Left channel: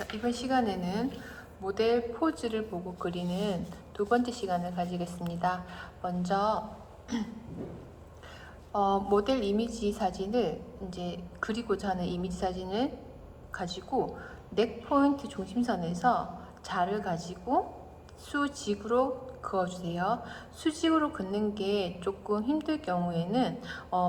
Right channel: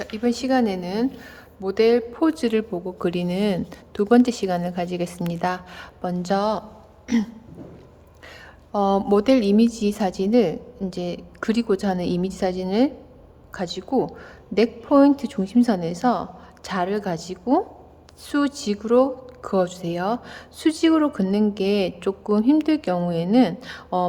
자, 이번 시간에는 모델 포즈를 보고 그리는 두 번째 시간을 가지겠습니다. 먼저 모델 이미지 사진을 이제 그리고자 하는 이미지 사진을 가지고 넥 포인트 중심선에서 자를 가지고 수직으로 그어주세요. 수직으로 긋는 게 조금 힘들 경우에는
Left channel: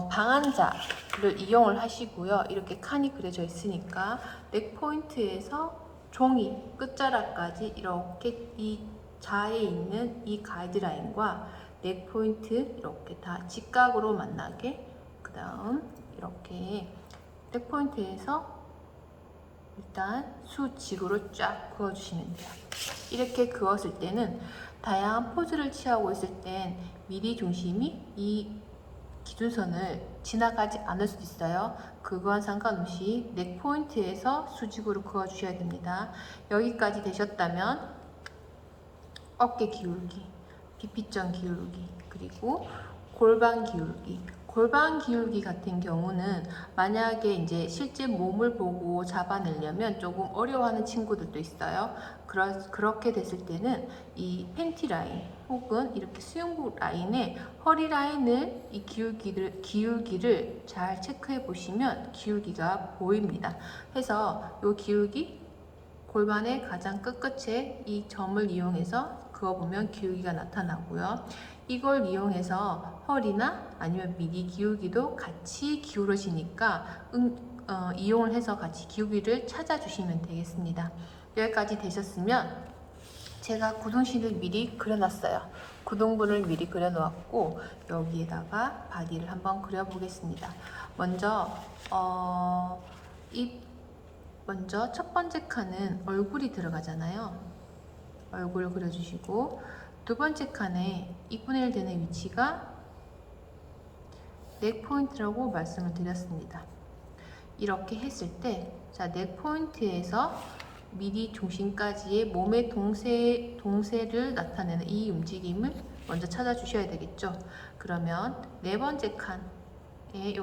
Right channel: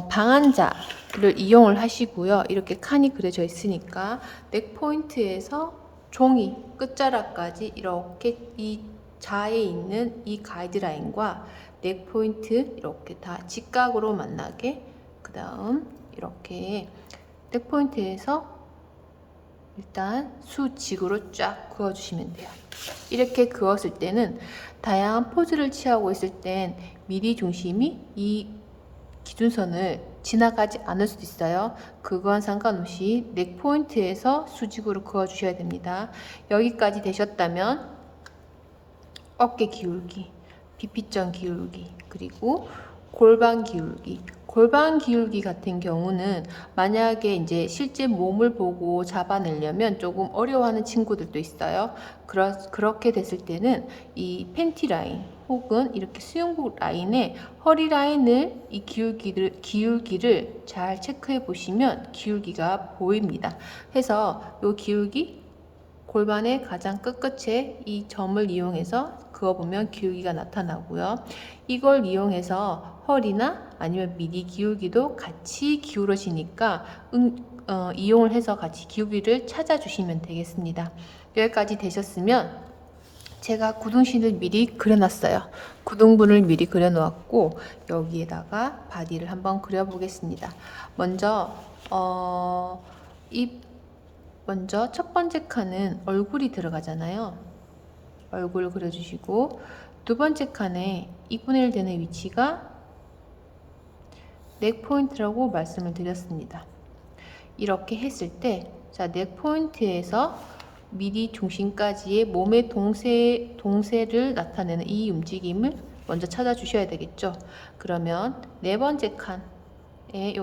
방한자를 이용을 하시고요. 이렇게 칸이 그려져 있으니까 넥 포인트에서 종이 끝자락까지 이렇게 이 자에 있는 이 가이드라인과 넥 포인트 이렇게 다 직각으로 만나게, 그 다음 이렇게 넥 포인트에서 일단 수직으로 쫙 그어주시면 돼요. 이렇게 그었을 때는 다양한 포즈를 취하고 있을 땐 미리 중심이 이 기준선을 지나가지 않을 수도 있어요. 그건 상관없이 넥 포인트에서 수직으로 그어 주셔야 됩니다. 여기까지 되셨다면 어깨 기울기, 비피점 기울기, 그리고 골반 기울기. 골반 기울기 같은 경우는 만약에 이제 실제 몸을 보고 잡아내려면 조금 어려워하는 친구들도 있어요. 그렇게 됐을 때는 이 팬티 라인 혹은 이렇게 수영복 라인에 허리 라인을 이 기울기를 잘 체크해 보시면 기울기가 보입니다. 해서 이 기울기 골반의 가장 끝끝에 이 점을 이용해서 그어보면 기울기가 나타나고요. 이걸 이용해서 허리나 아니면 미리 기울기도 같이 기울어지니까 이용을 해서 같이 기울기를 찾아주시면 되겠습니다. 여기까지 되셨으면 제가 구둥신을 미리 그려놨어요. 구둥부를 미리 그려놓았고 여기에다가 바디를 한번 그려보겠습니다. 먼저 첫 번째 칸은 얼굴이 들어가잖아요. 얼굴 그려주시고 두 번째 칸에 2분의 1 되는 위치가 넥 포인트라고 말씀을 드렸습니다. 이렇게 했을 때, 자, 넥 포인트에서 미리 중심까지의 몸의 동세를 나타내는 이 움직임을 먼저 찾아주셔야 되겠죠. 그러면 네 번째 칸에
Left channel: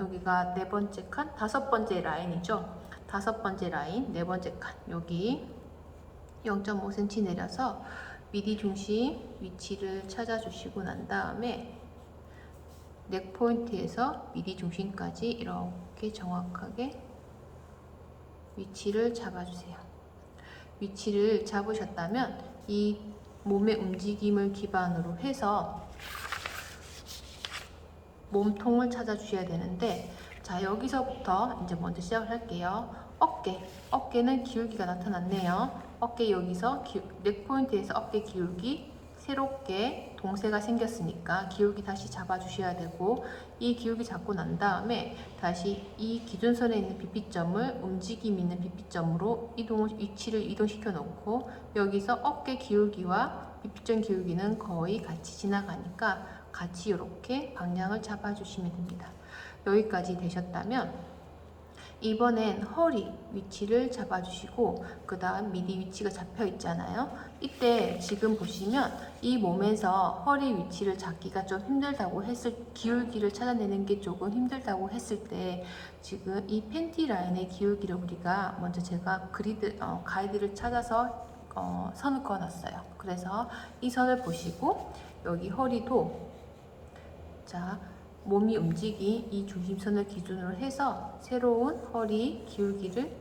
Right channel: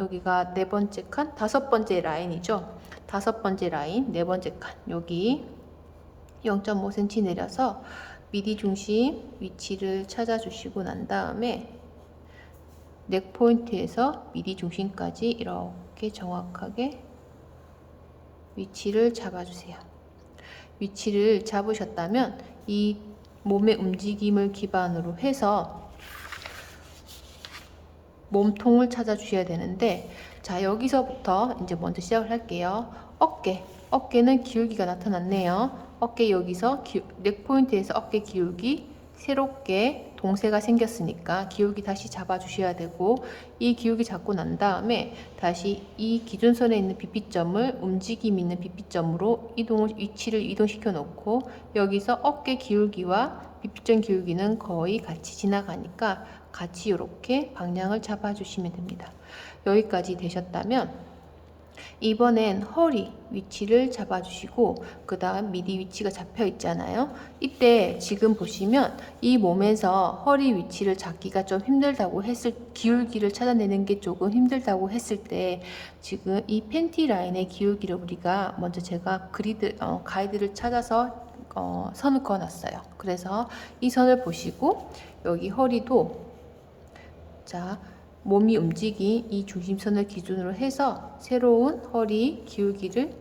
여기가 네 번째 칸, 다섯 번째 라인이죠. 다섯 번째 라인, 네 번째 칸, 여기 0.5cm 내려서 미리 중심 위치를 찾아주시고 난 다음에 넥 포인트에서 미리 중심까지 이렇게 정확하게 위치를 잡아주세요. 위치를 잡으셨다면 이 몸의 움직임을 기반으로 해서 몸통을 찾아주셔야 되는데, 자, 여기서부터 이제 먼저 시작을 할게요. 어깨는 기울기가 나타났네요. 어깨 여기서 넥 포인트에서 어깨 기울기 새롭게 동세가 생겼으니까 기울기 다시 잡아주셔야 되고, 이 기울기 잡고 난 다음에 다시 이 기준선에 있는 BP점을 움직임 있는 BP점으로 위치를 이동시켜 놓고 여기서 어깨 기울기와 BP점 기울기는 거의 같이 지나가니까 같이 이렇게 방향을 잡아주시면 됩니다. 여기까지 되셨다면 이번엔 허리 위치를 잡아주시고 그 다음 미리 위치가 잡혀 있잖아요. 이때 지금 보시면 이 몸에서 허리 위치를 잡기가 좀 힘들다고 기울기를 찾아내는 게 조금 힘들다고 했을 때 지금 이 팬티 라인의 기울기를 우리가 먼저 제가 가이드를 찾아서 선을 그어놨어요. 그래서 이 선을 보시고 여기 허리도, 자, 몸이 움직인 이 중심선을 기준으로 해서 새로운 허리 기울기를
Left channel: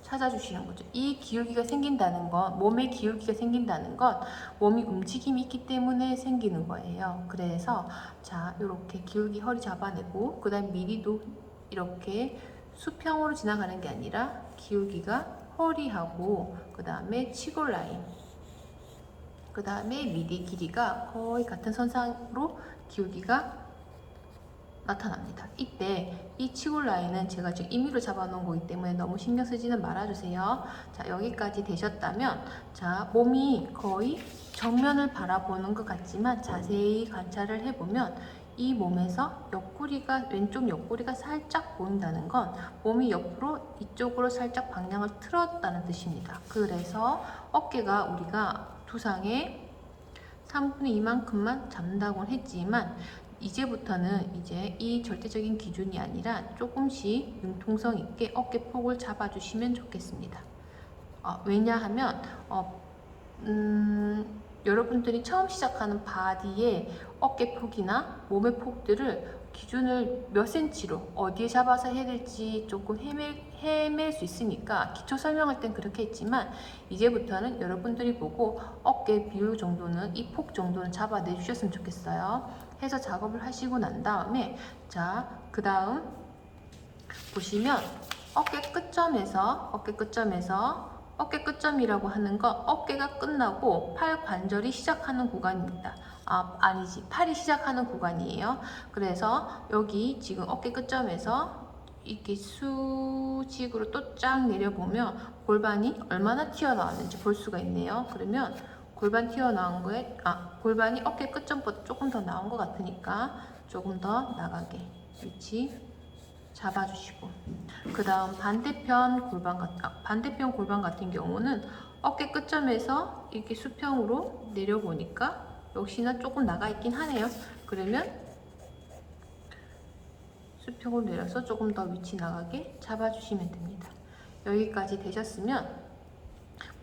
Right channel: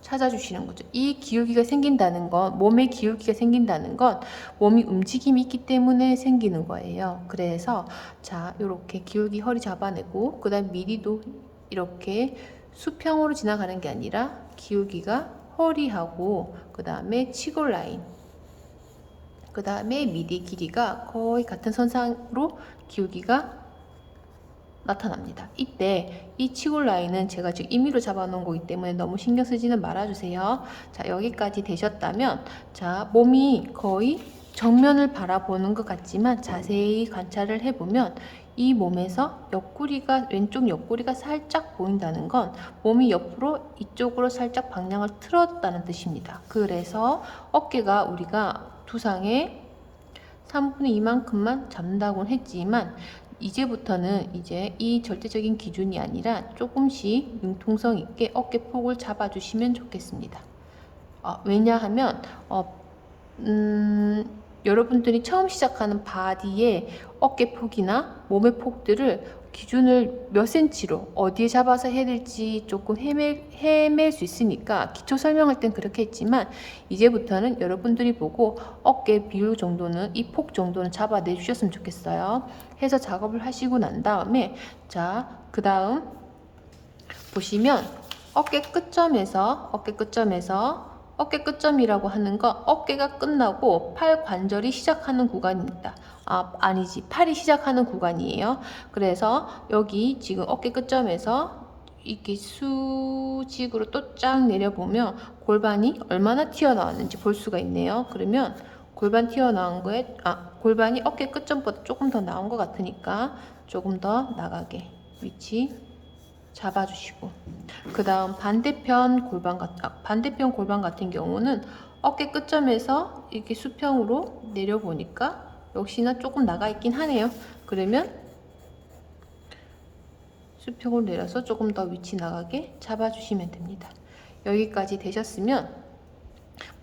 찾아주시는 거죠. 이 기울기가 생긴다는 건, 몸의 기울기가 생긴다는 건 몸이 움직임이 있기 때문에 생기는 거예요. 그래서 자, 이렇게 기울기 허리 잡아내고 그 다음 미리도 이렇게 수평으로 지나가는 게 아니라 기울기가 허리하고 그 다음에 치골 라인, 그 다음에 미리 길이가 거의 같은 선상으로 기울기가 나타납니다. 이때 이 치골 라인은 제가 지금 임의로 잡아놓은 거기 때문에 너무 신경 쓰지는 말아주세요. 자, 여기까지 되셨다면, 자, 몸이 거의 정면을 바라보는 것 같지만 자세히 관찰을 해보면 이 몸에서 왼쪽 옆구리가 살짝 보인다는 건 몸이 옆으로 이쪽으로 살짝 방향을 틀었다는 뜻입니다. 그래서 어깨가 우리가 두상의 3분의 2만큼만 잡는다고는 했지만 이제부터는 이제 이 절대적인 기준이 아니라 조금씩 융통성 있게 어깨 폭을 잡아주시면 좋겠습니다. 왜냐하면 여러분들이 처음 시작하는 바디의 어깨 폭이나 몸의 폭들을 기준을 몇 센치로 어디에 잡아서 해야 될지 조금 헤맬 수 있으니까 기초 설명할 땐 그렇게 했지만 이제부터는 여러분들이 보고 어깨 비율 정도는 이 폭 정도는 잡아내 주셨으면 좋겠어요. 해서 작업을 하시고 난 다음에 자, 그 다음 보시면 어깨 끝점이라고 하는 거 어깨가 끝나고 팔 관절이 시작하는 구간입니다. 아니지, 팔이 시작하는 구간이에요. 그래서 여기 지금 어깨 끝점에서 이렇게 수직으로 또 쫙 내려보면 골반이 얼마나 튀어나왔는지 볼 수가 있네요. 그러면 골반 튀어나온 거에 골반이 어깨 끝점보다 조금 더 나온 것 같으니까 조금 더 나가게 위치 잡아주시고, 그 다음 반대편 골반 같은 경우는 어깨 끝점에서 이렇게 수평으로 내려보니까 역시나 조금 나가 있긴 하네요. 그러면 수평으로 내려서 조금 더 위치 나가게 잡아주시면 됩니다. 여기까지 되셨으면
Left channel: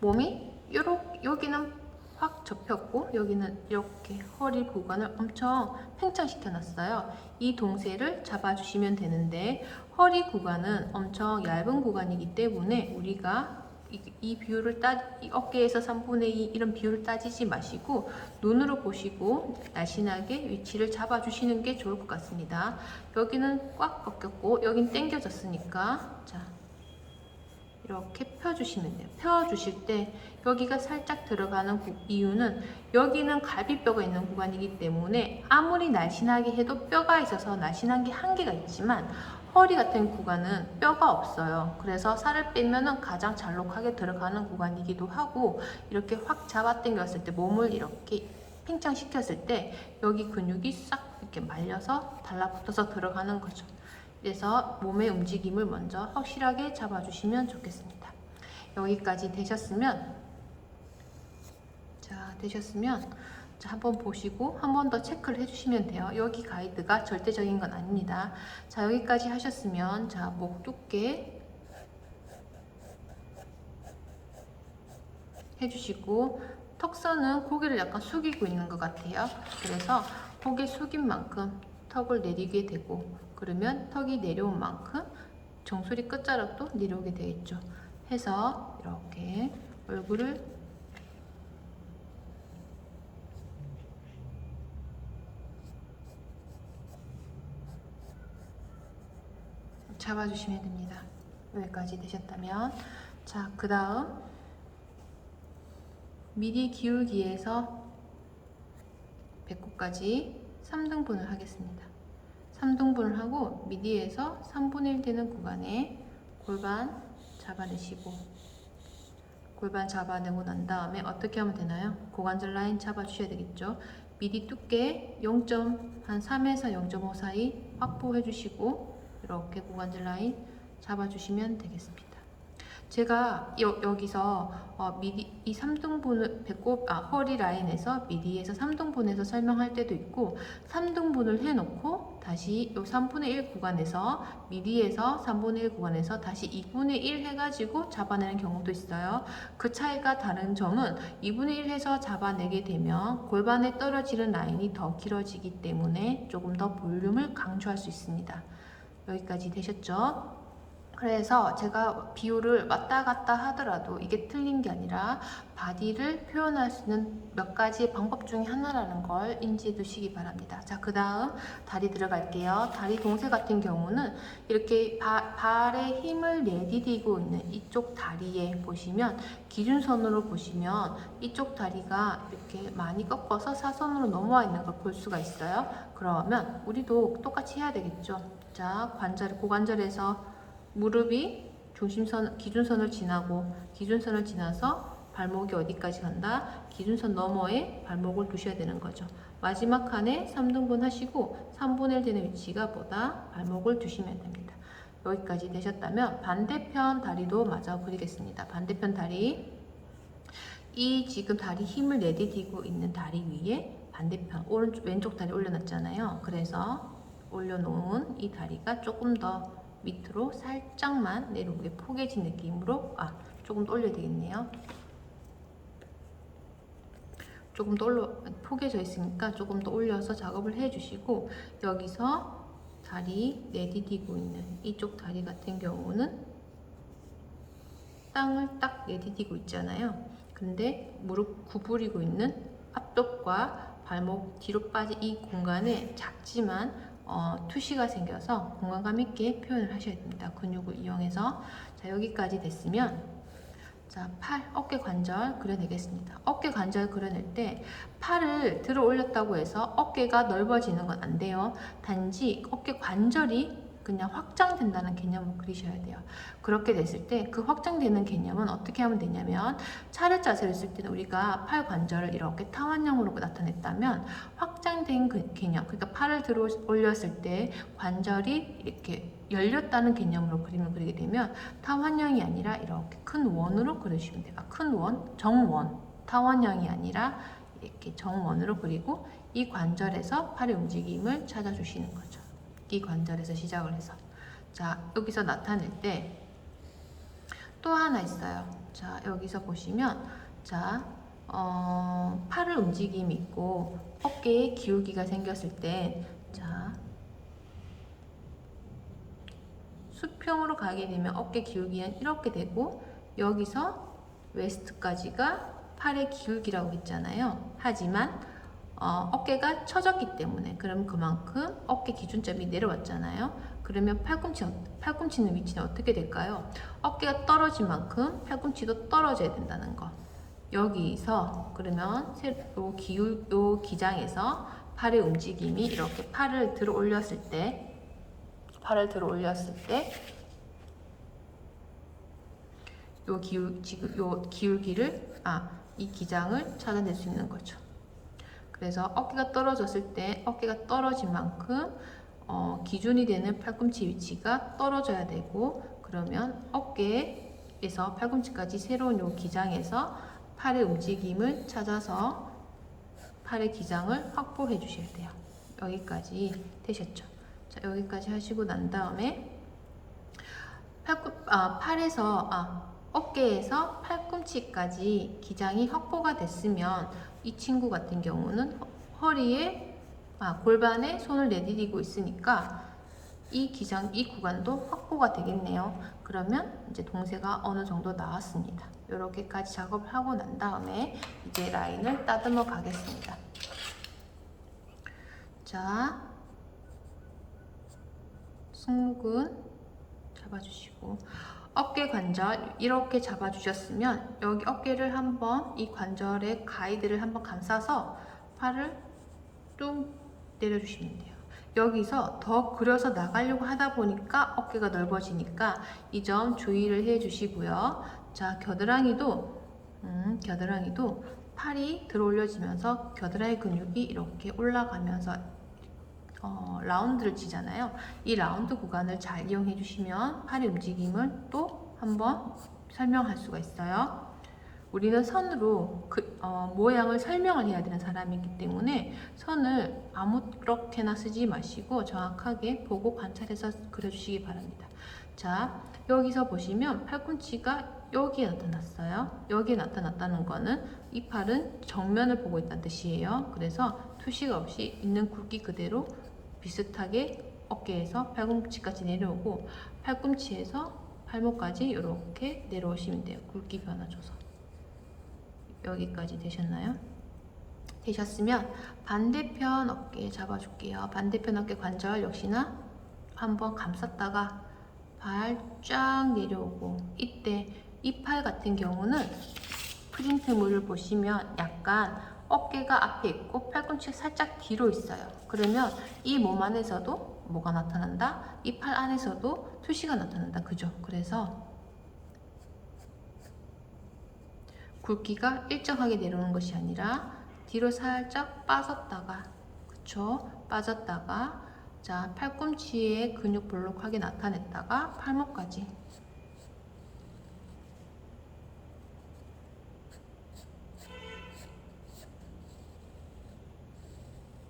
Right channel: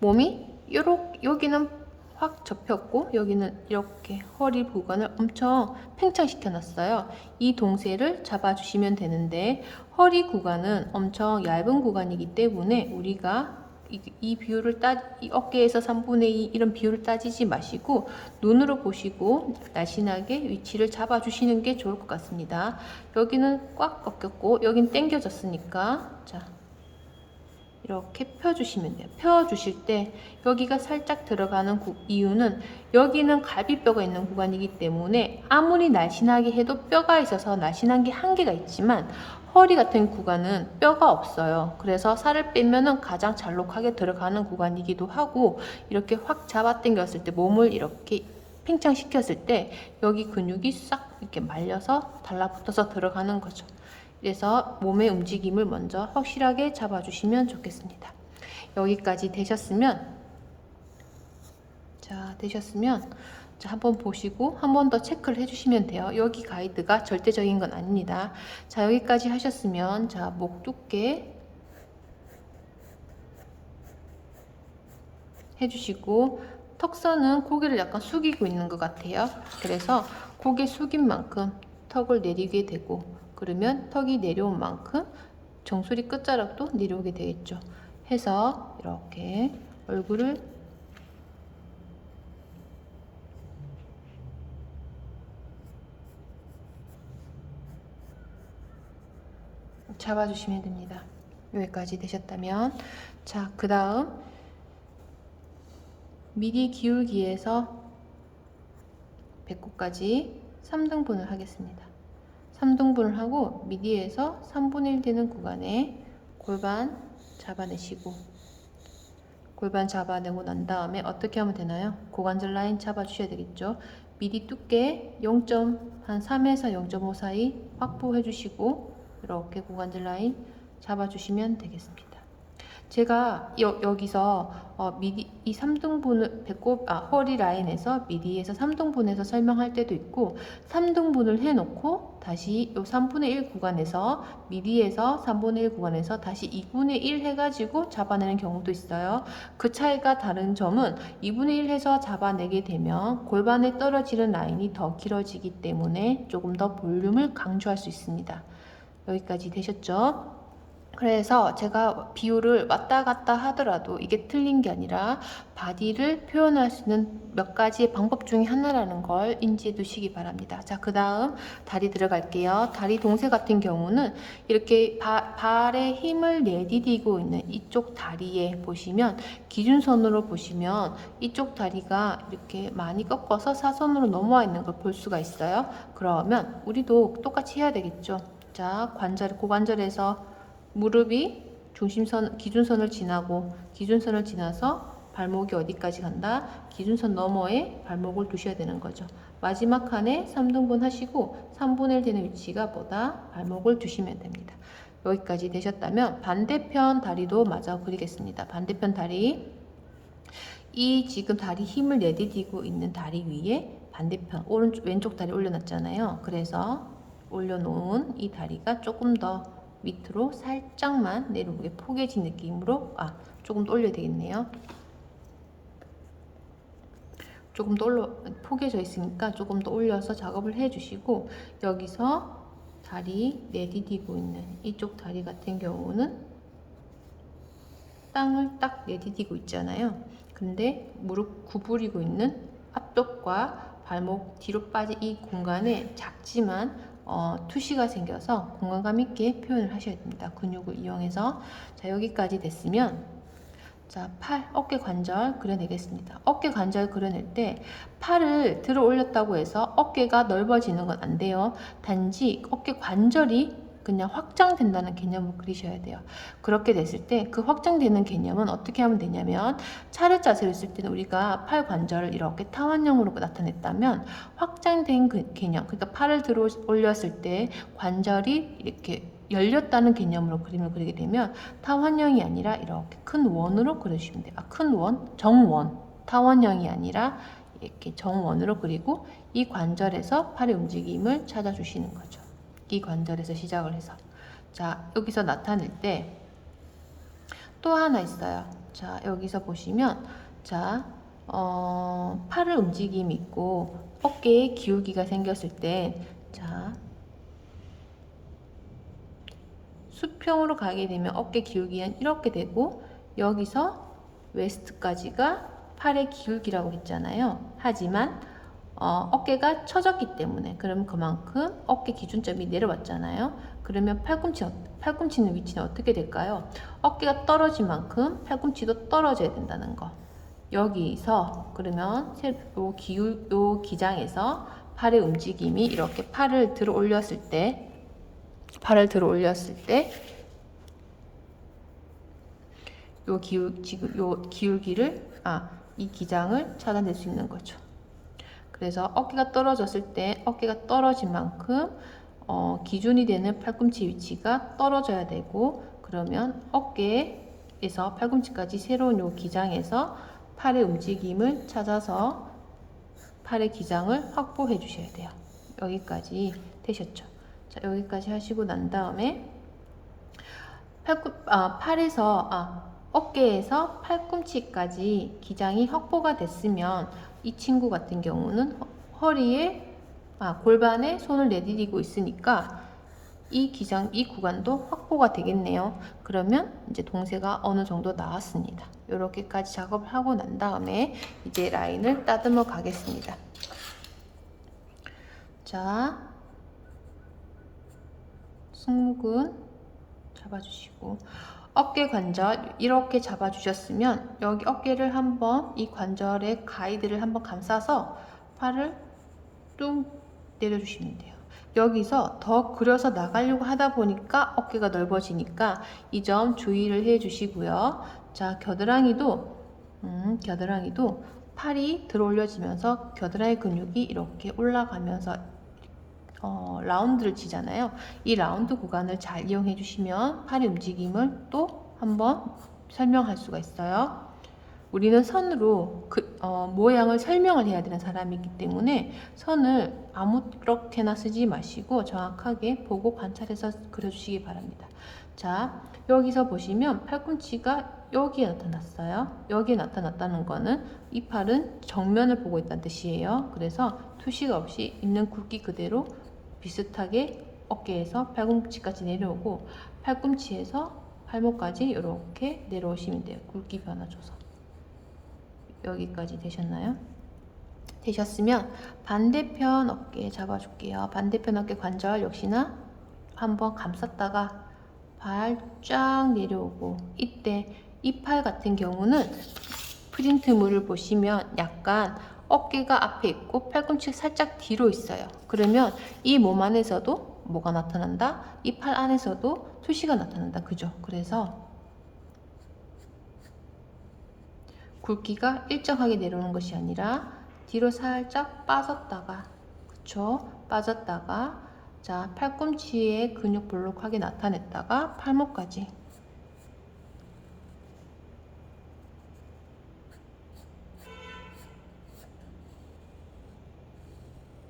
몸이 여기는 확 접혔고 여기는 이렇게 허리 부분을 엄청 팽창시켜 놨어요. 이 동세를 잡아주시면 되는데 허리 구간은 엄청 얇은 구간이기 때문에 우리가 이 비율을 이 어깨에서 3분의 2 이런 비율을 따지지 마시고 눈으로 보시고 날씬하게 위치를 잡아주시는 게 좋을 것 같습니다. 여기는 꽉 꺾였고 여긴 당겨졌으니까 자, 이렇게 펴주시면 돼요. 펴주실 때 여기가 살짝 들어가는 이유는 여기는 갈비뼈가 있는 구간이기 때문에 아무리 날씬하게 해도 뼈가 있어서 날씬한 게 한계가 있지만 허리 같은 구간은 뼈가 없어요. 그래서 살을 빼면은 가장 잘록하게 들어가는 구간이기도 하고 이렇게 확 잡아 당겼을 때 몸을 이렇게 팽창시켰을 때 여기 근육이 싹 이렇게 말려서 달라붙어서 들어가는 거죠. 그래서 몸의 움직임을 먼저 확실하게 잡아주시면 좋겠습니다. 여기까지 되셨으면 자, 한번 보시고 한 번 더 체크를 해주시면 돼요. 여기 가이드가 절대적인 건 아닙니다. 자, 여기까지 하셨으면 자, 목 두께 해주시고 턱선은 고개를 약간 숙이고 있는 것 같아요. 그래서 고개 숙인 만큼 턱을 내리게 되고 그러면 턱이 내려온 만큼 정수리 끝자락도 내려오게 되겠죠. 해서 이렇게 얼굴을 잡아주시면 됩니다. 여기까지 되셨다면 자, 그 다음 미리 기울기에서 배꼽까지 3등분을 하겠습니다. 3등분을 하고 미디에서 3분의 1 되는 구간에 골반 잡아내시고 골반 잡아내고 난 다음에 어떻게 하면 되나요? 고관절 라인 잡아주셔야 되겠죠. 미디 두께 0.3에서 0.5 사이 확보해 주시고 이렇게 고관절 라인 잡아주시면 되겠습니다. 제가 여기서 미디 이 3등분을 허리 라인에서 미디에서 3등분해서 설명할 때도 있고 3등분을 해놓고 다시 요 3분의 1 구간에서 미디에서 3분의 1 구간에서 다시 2분의 1 해가지고 잡아내는 경우도 있어요. 그 차이가 다른 점은 2분의 1 해서 잡아내게 되면 골반에 떨어지는 라인이 더 길어지기 때문에 조금 더 볼륨을 강조할 수 있습니다. 여기까지 되셨죠? 그래서 제가 비율을 왔다 갔다 하더라도 이게 틀린 게 아니라 바디를 표현할 수 있는 몇 가지 방법 중에 하나라는 걸 인지해 두시기 바랍니다. 자, 그 다음 다리 들어갈게요. 다리 동세 같은 경우는 이렇게 발에 힘을 내디디고 있는 이쪽 다리에 보시면 기준선으로 보시면 이쪽 다리가 이렇게 많이 꺾어서 사선으로 넘어와 있는 걸 볼 수가 있어요. 그러면 우리도 똑같이 해야 되겠죠. 자, 고관절에서 무릎이 기준선을 지나고 기준선을 지나서 발목이 어디까지 간다? 기준선 너머에 발목을 두셔야 되는 거죠. 마지막 칸에 3등분 하시고 3분의 1 되는 위치가 뭐다? 발목을 두시면 됩니다. 여기까지 되셨다면 반대편 다리도 마저 그리겠습니다. 반대편 다리 이 지금 다리 힘을 내디디고 있는 다리 위에 반대편 오른쪽 왼쪽 다리 올려놨잖아요. 그래서 올려놓은 이 다리가 조금 더 밑으로 살짝만 내려오게 포개진 느낌으로 조금 더 올려야 되겠네요. 조금 더 포개져 있으니까 조금 더 올려서 작업을 해주시고, 여기서 다리 내디디고 있는 이쪽 다리 같은 경우는 땅을 딱 내디디고 있잖아요. 근데 무릎 구부리고 있는 앞쪽과 발목 뒤로 빠진 이 공간에 작지만 투시가 생겨서 공간감 있게 표현을 하셔야 됩니다. 근육을 이용해서. 자, 여기까지 됐으면 자, 팔, 어깨 관절 그려내겠습니다. 어깨 관절 그려낼 때 팔을 들어 올렸다고 해서 어깨가 넓어지는 건 안 돼요. 단지 어깨 관절이 그냥 확장된다는 개념을 그리셔야 돼요. 그렇게 됐을 때 그 확장되는 개념은 어떻게 하면 되냐면, 차렷 자세를 했을 때는 우리가 팔 관절을 이렇게 타원형으로 나타냈다면, 확장된 그 개념, 그러니까 팔을 들어 올렸을 때 관절이 이렇게 열렸다는 개념으로 그림을 그리게 되면 타원형이 아니라 이렇게 큰 원으로 그리시면 돼요. 큰 원, 정원, 타원형이 아니라 이렇게 정원으로 그리고 이 관절에서 팔의 움직임을 찾아주시는 거죠. 이 관절에서 시작을 해서. 자, 여기서 나타낼 때 또 하나 있어요. 자, 여기서 보시면 자, 팔을 움직임이 있고 어깨에 기울기가 생겼을 때, 자, 수평으로 가게 되면 어깨 기울기는 이렇게 되고, 여기서 웨스트까지가 팔의 기울기라고 했잖아요. 하지만 어깨가 처졌기 때문에, 그럼 그만큼 어깨 기준점이 내려왔잖아요. 그러면 팔꿈치는 위치는 어떻게 될까요? 어깨가 떨어진 만큼 팔꿈치도 떨어져야 된다는 거. 여기서 그러면 요 기장에서 팔의 움직임이 이렇게 팔을 들어 올렸을 때 요 기울기를 이 기장을 찾아낼 수 있는 거죠. 그래서 어깨가 떨어졌을 때 어깨가 떨어진 만큼 기준이 되는 팔꿈치 위치가 떨어져야 되고, 그러면 어깨에서 팔꿈치까지 새로운 요 기장에서 팔의 움직임을 찾아서 팔의 기장을 확보해 주셔야 돼요. 여기까지 되셨죠? 자, 여기까지 하시고 난 다음에 어깨에서 팔꿈치까지 기장이 확보가 됐으면, 이 친구 같은 경우는 허리에 골반에 손을 내디디고 있으니까 이 구간도 확보가 되겠네요. 그러면 이제 동세가 어느 정도 나왔습니다. 이렇게까지 작업을 하고 난 다음에 이제 라인을 따듬어 가겠습니다. 자, 승모근 잡아주시고, 어깨 관절 이렇게 잡아주셨으면 여기 어깨를 한번, 이 관절의 가이드를 한번 감싸서 팔을 뚝 내려주시면 돼요. 여기서 더 그려서 나가려고 하다 보니까 어깨가 넓어지니까 이 점 주의를 해 주시고요. 자, 겨드랑이도 팔이 들어 올려지면서 겨드랑이 근육이 이렇게 올라가면서 라운드를 치잖아요. 이 라운드 구간을 잘 이용해 주시면 팔의 움직임을 또 한번 설명할 수가 있어요. 우리는 선으로 모양을 설명을 해야 되는 사람이기 때문에 선을 아무렇게나 쓰지 마시고 정확하게 보고 관찰해서 그려주시기 바랍니다. 자, 여기서 보시면 팔꿈치가 여기에 나타났어요. 여기에 나타났다는 거는 이 팔은 정면을 보고 있다는 뜻이에요. 그래서 투시가 없이 있는 굵기 그대로 비슷하게 어깨에서 팔꿈치까지 내려오고, 팔꿈치에서 팔목까지 이렇게 내려오시면 돼요. 굵기 변화 줘서. 여기까지 되셨나요? 되셨으면 반대편 어깨 잡아줄게요. 반대편 어깨 관절 역시나 한번 감쌌다가 발 쫙 내려오고, 이때 이 팔 같은 경우는 프린트물을 보시면 약간 어깨가 앞에 있고 팔꿈치가 살짝 뒤로 있어요. 그러면 이 몸 안에서도 뭐가 나타난다? 이 팔 안에서도 투시가 나타난다. 그죠? 그래서 굵기가 일정하게 내려오는 것이 아니라 뒤로 살짝 빠졌다가, 그쵸? 빠졌다가, 자, 팔꿈치에 근육 볼록하게 나타냈다가 팔목까지.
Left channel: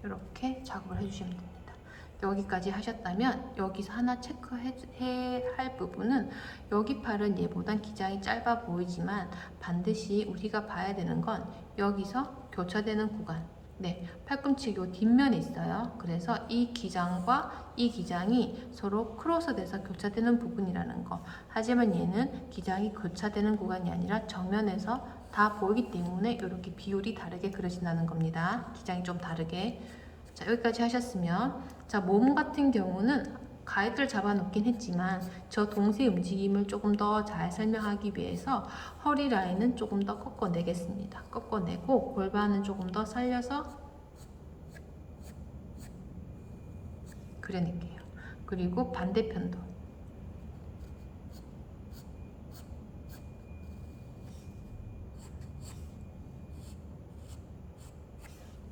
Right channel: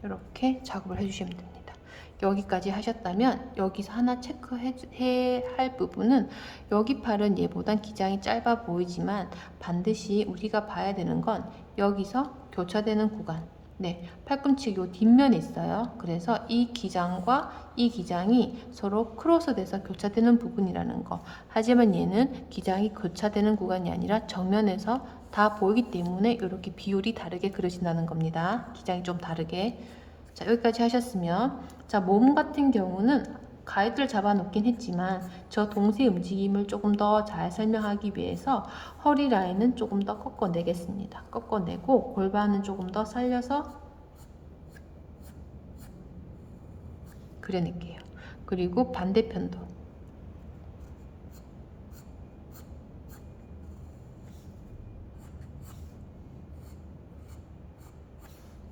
이렇게 작업을 해주시면 됩니다. 여기까지 하셨다면 여기서 하나 체크해야 할 부분은 여기 팔은 얘보단 기장이 짧아 보이지만 반드시 우리가 봐야 되는 건 여기서 교차되는 구간, 네, 팔꿈치 요 뒷면에 있어요. 그래서 이 기장과 이 기장이 서로 크로스돼서 교차되는 부분이라는 거. 하지만 얘는 기장이 교차되는 구간이 아니라 정면에서 다 보이기 때문에 이렇게 비율이 다르게 그려진다는 겁니다. 기장이 좀 다르게. 자, 여기까지 하셨으면, 자, 몸 같은 경우는 가이드를 잡아 놓긴 했지만 저 동시에 움직임을 조금 더 잘 설명하기 위해서 허리 라인은 조금 더 꺾어내겠습니다. 꺾어내고 골반은 조금 더 살려서 그려낼게요. 그리고 반대편도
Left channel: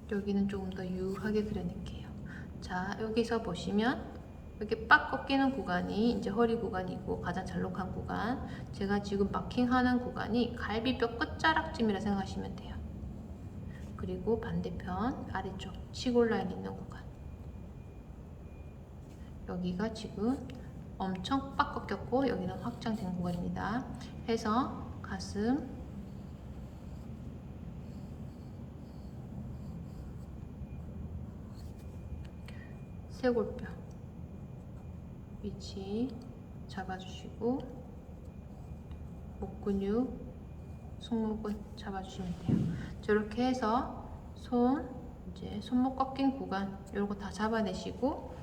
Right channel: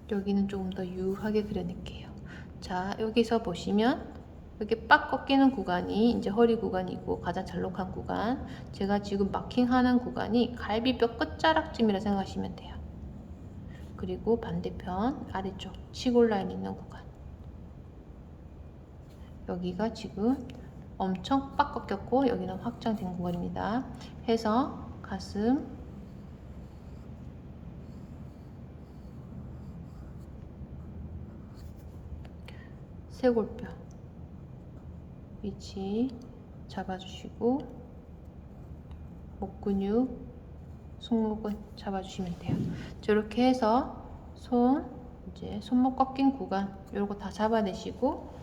여기는 조금 더 유하게 그려낼게요. 자, 여기서 보시면 이렇게 빡 꺾이는 구간이 이제 허리 구간이고 가장 잘록한 구간, 제가 지금 마킹하는 구간이 갈비뼈 끝자락쯤이라 생각하시면 돼요. 그리고 반대편 아래쪽 치골 라인 있는 구간, 여기가 지금 엄청 빡 꺾였고 여기는 확장된 구간입니다. 해서 가슴, 쇄골뼈 위치 잡아주시고 목 근육, 승모근 잡아주시면 돼요. 저렇게 해서 이제 손목 꺾인 구간 요거 다 잡아내시고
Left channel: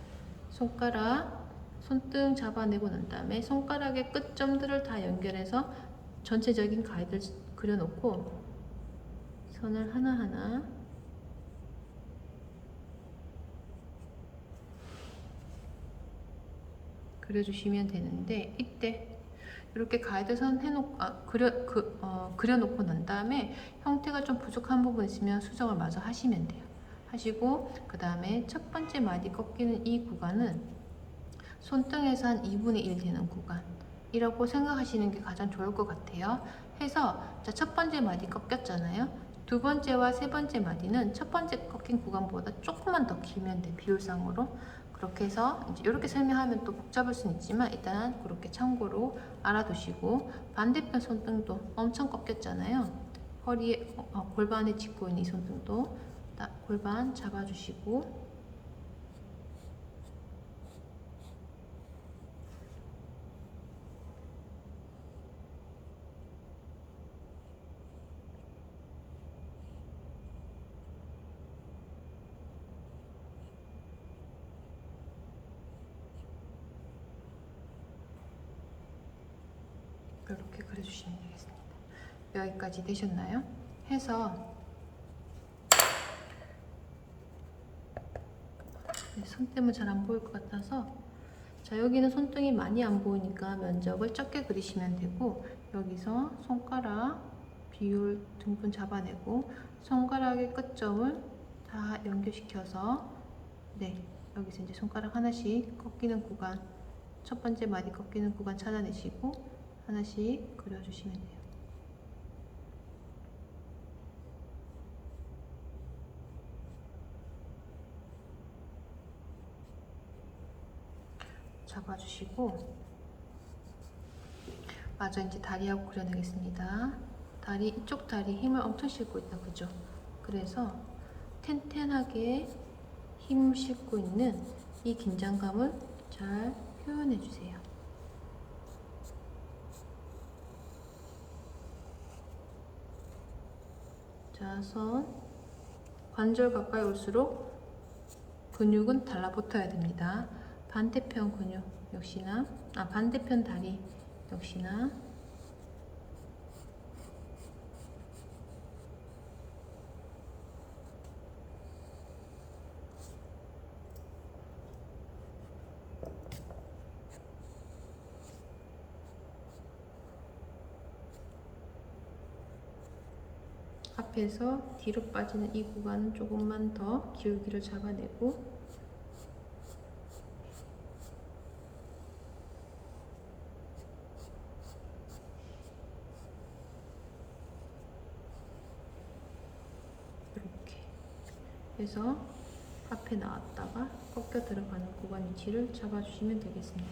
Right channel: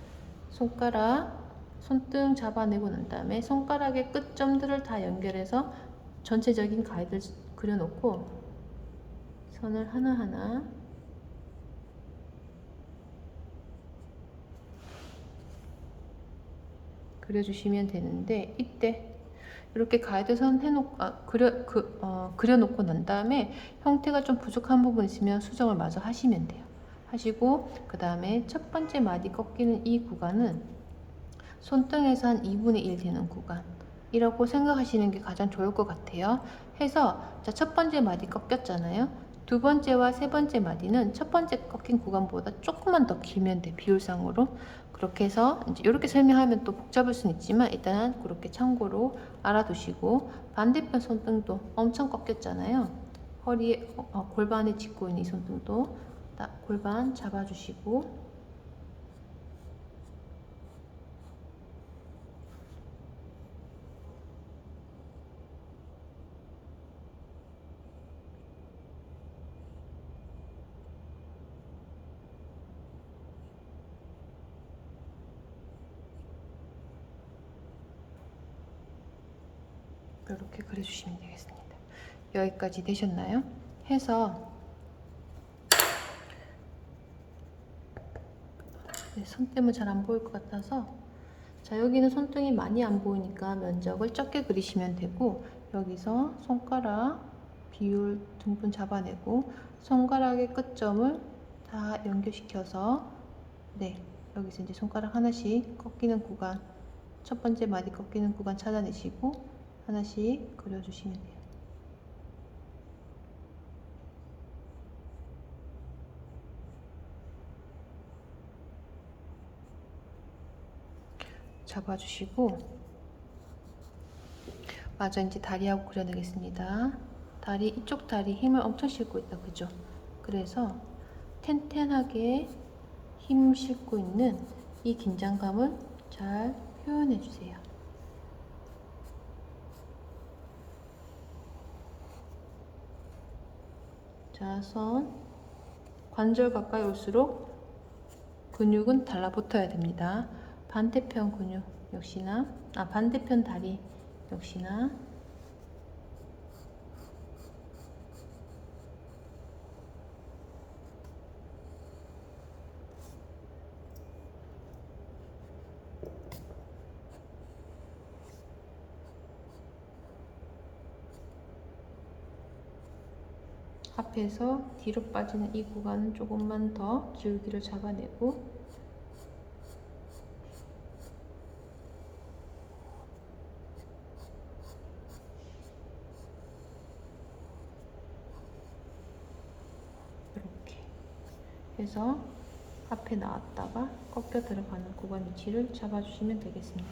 손등 잡아내고 난 다음에 손가락의 끝점들을 다 연결해서 전체적인 가이드를 그려놓고 선을 하나하나 그려주시면 되는데, 이때 이렇게 가이드선 그려놓고 난 다음에 형태가 좀 부족한 부분 있으면 수정을 마저 하시면 돼요. 하시고 그 다음에 첫 번째 마디 꺾이는 이 구간은 손등에서 한 2분의 1 되는 구간이라고 생각하시는 게 가장 좋을 것 같아요. 해서 자, 첫 번째 마디 꺾였잖아요. 두 번째와 세 번째 마디는 첫 번째 꺾인 구간보다 조금만 더 길면 돼, 비율상으로. 그렇게 해서 이제 이렇게 설명하면 또 복잡할 수는 있지만 일단은 그렇게 참고로 알아두시고, 반대편 손등도 엄청 꺾였잖아요. 허리에 골반에 짚고 있는 이 손등도 딱 골반 잡아주시고 이렇게 그려주시면 되겠습니다. 여기까지 되셨나요? 해서 손 때문에 잘 안 보일 것 같아서, 자, 여기는 손등이 많이 안 보이니까 면적을 적게 그리시면 되고, 여기서 손가락 비율 등분 잡아내고 손가락의 끝점을 다 연결시켜서, 네, 여기서 이제 손가락 하나씩 꺾이는 구간, 첫 번째 마디 꺾이는 구간 찾아내시고 하나씩 그려주시면 돼요. 잡아주시고, 마저 이제 다리하고 그려내겠습니다. 다리, 이쪽 다리 힘을 엄청 싣고 있다, 그죠? 그래서 텐텐하게 힘 싣고 있는 이 긴장감을 잘 표현해 주세요. 자, 관절 가까이 올수록 근육은 달라붙어야 됩니다. 반대편 근육 역시나, 반대편 다리 역시나 앞에서 뒤로 빠지는 이 구간은 조금만 더 기울기를 잡아내고, 이렇게 해서 앞에 나왔다가 꺾여 들어가는 구간 위치를 잡아주시면 되겠습니다.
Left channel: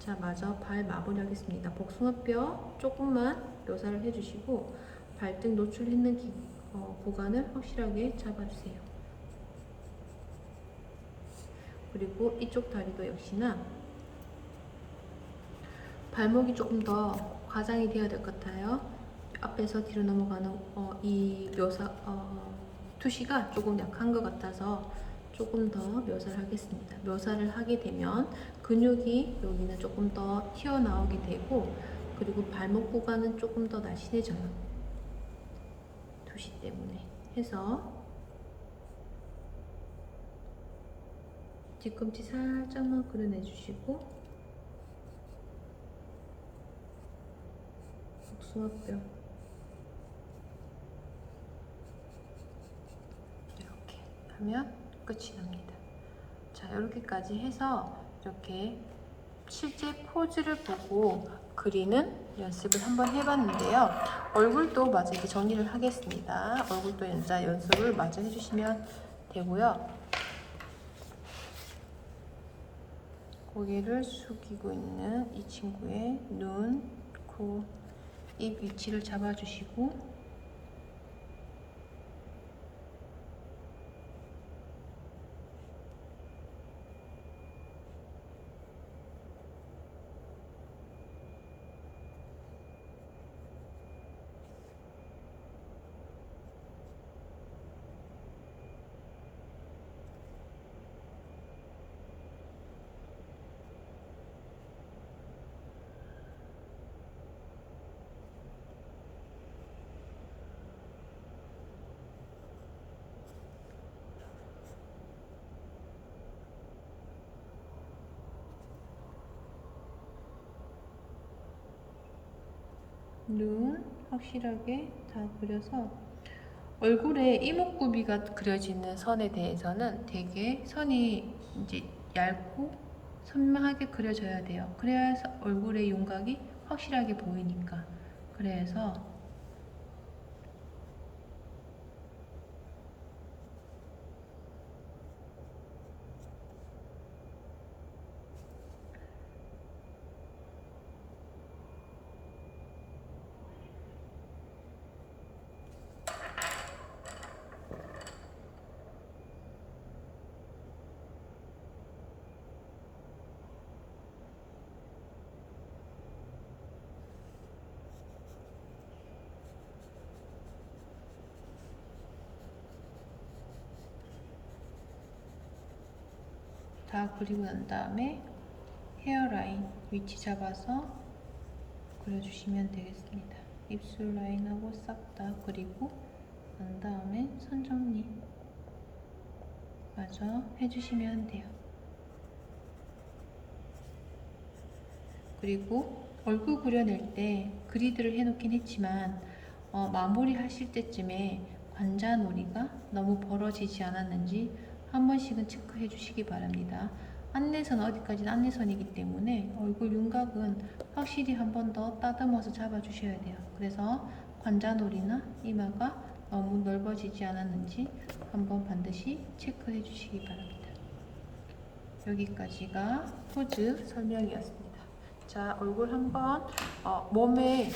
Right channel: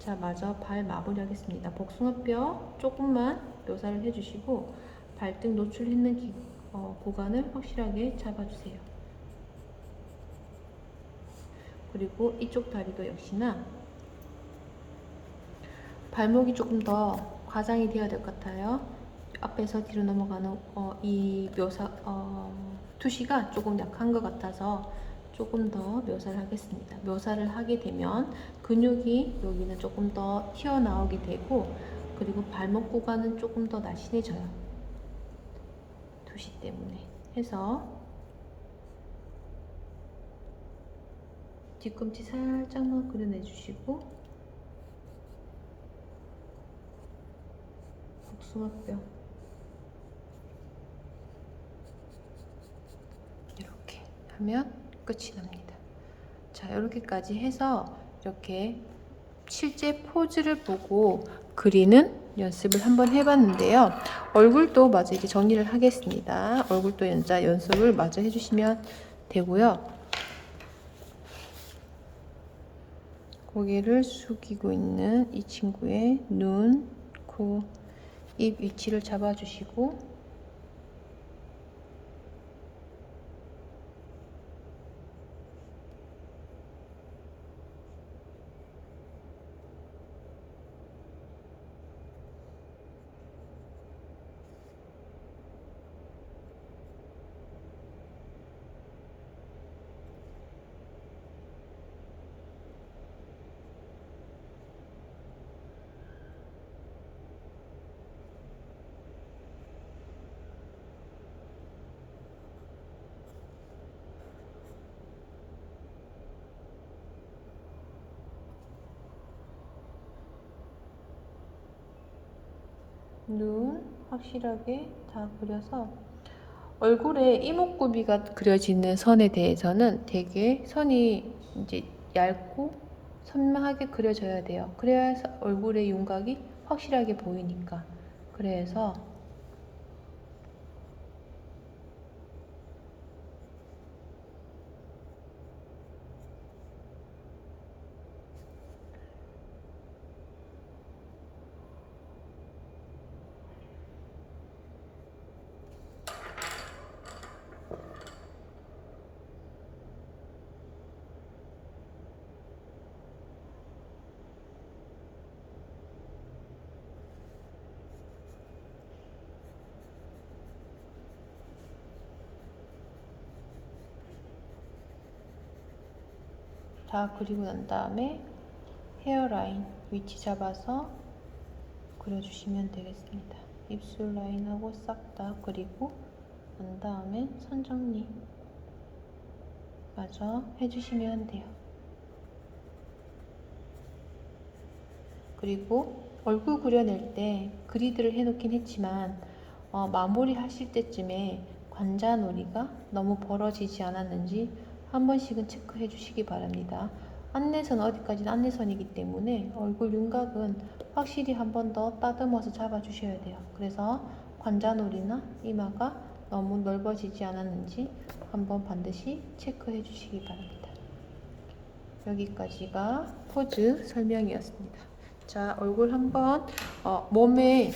자, 마저 발 마무리하겠습니다. 복숭아뼈 조금만 묘사를 해주시고 발등 노출했는 구간을 확실하게 잡아주세요. 그리고 이쪽 다리도 역시나 발목이 조금 더 과장이 되어야 될 것 같아요. 앞에서 뒤로 넘어가는 이 투시가 조금 약한 것 같아서 조금 더 묘사를 하겠습니다. 묘사를 하게 되면 근육이 여기는 조금 더 튀어나오게 되고, 그리고 발목 구간은 조금 더 날씬해져요. 투시 때문에. 해서 뒤꿈치 살짝만 그려내주시고, 복숭아뼈 이렇게 하면 끝이 납니다. 자, 이렇게까지 해서 이렇게 실제 포즈를 보고 그리는 연습을 한번 해봤는데요. 얼굴도 마저 이렇게 정리를 하겠습니다. 얼굴도 연습을 마저 해주시면 되고요. 고개를 숙이고 있는 이 친구의 눈, 코, 입 위치를 잡아주시고, 눈 확실하게 다 그려서 얼굴에 이목구비가 그려지는 선에 대해서는 되게 선이 이제 얇고 선명하게 그려져야 돼요. 그래야 얼굴의 윤곽이 확실하게 보이니까. 그래서 다 그리고 난 다음에 헤어라인 위치 잡아서 그려주시면 되겠습니다. 입술 라인하고 싹 다 그리고 난 다음에 선 정리 마저 해주시면 돼요. 그리고 얼굴 그려낼 때 그리드를 해놓긴 했지만 마무리 하실 때쯤에 관자놀이가 너무 벌어지지 않았는지 한 번씩은 체크해 주시기 바랍니다. 안내선 어디까지는 안내선이기 때문에 얼굴 윤곽은 확실히 한 번 더 따듬어서 잡아 주셔야 돼요. 그래서 관자놀이나 이마가 너무 넓어지지 않았는지 한번 반드시 체크해 주시기 바랍니다. 여기까지가 포즈 설명이었습니다. 자, 얼굴 한번 몸의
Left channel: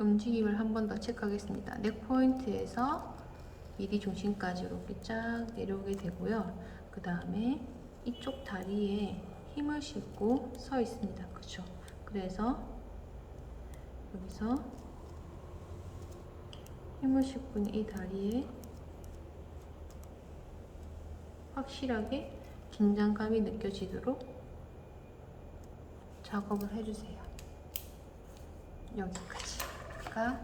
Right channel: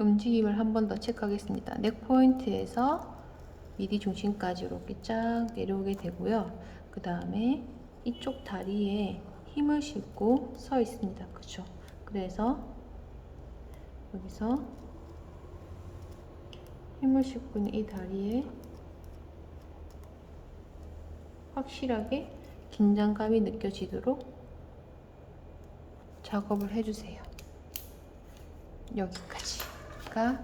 움직임을 한 번 더 체크하겠습니다. 넥 포인트에서 미디 중심까지 이렇게 쫙 내려오게 되고요. 그 다음에 이쪽 다리에 힘을 싣고 서 있습니다. 그쵸? 그래서 여기서 힘을 싣고 있는 이 다리에 확실하게 긴장감이 느껴지도록 작업을 해주세요. 여기까지가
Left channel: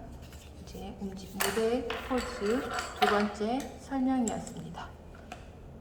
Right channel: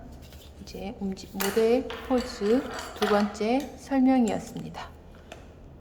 이제 모델 포즈 두 번째 설명이었습니다.